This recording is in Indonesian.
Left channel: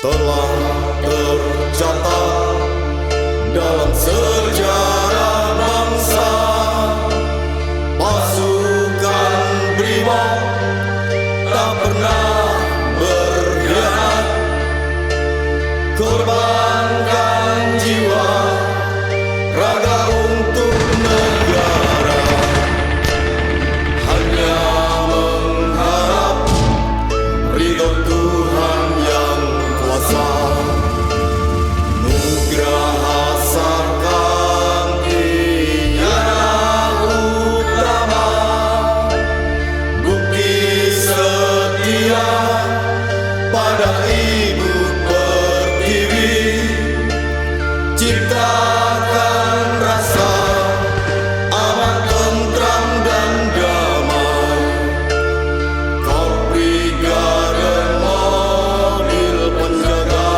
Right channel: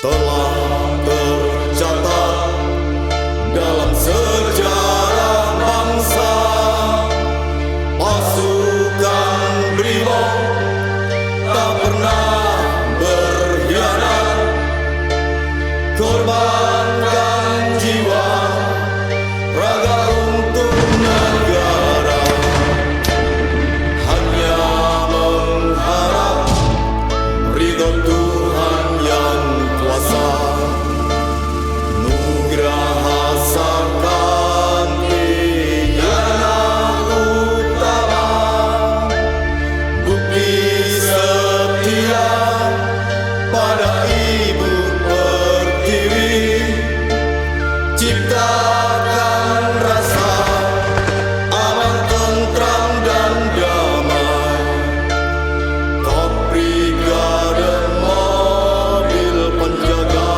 telah tercatat dalam sejarah bangsa. Pasukan Brimob tak pernah berkhianat, korbankan jiwa raga untuk negara, hanya mengharap ridho Tuhan yang kuasa. Nugraha Sakanti Yana Utama, bukti setia pada Ibu Pertiwi, ciptakan rasa aman, tentram dan damai. Kau brigade mobil penjaga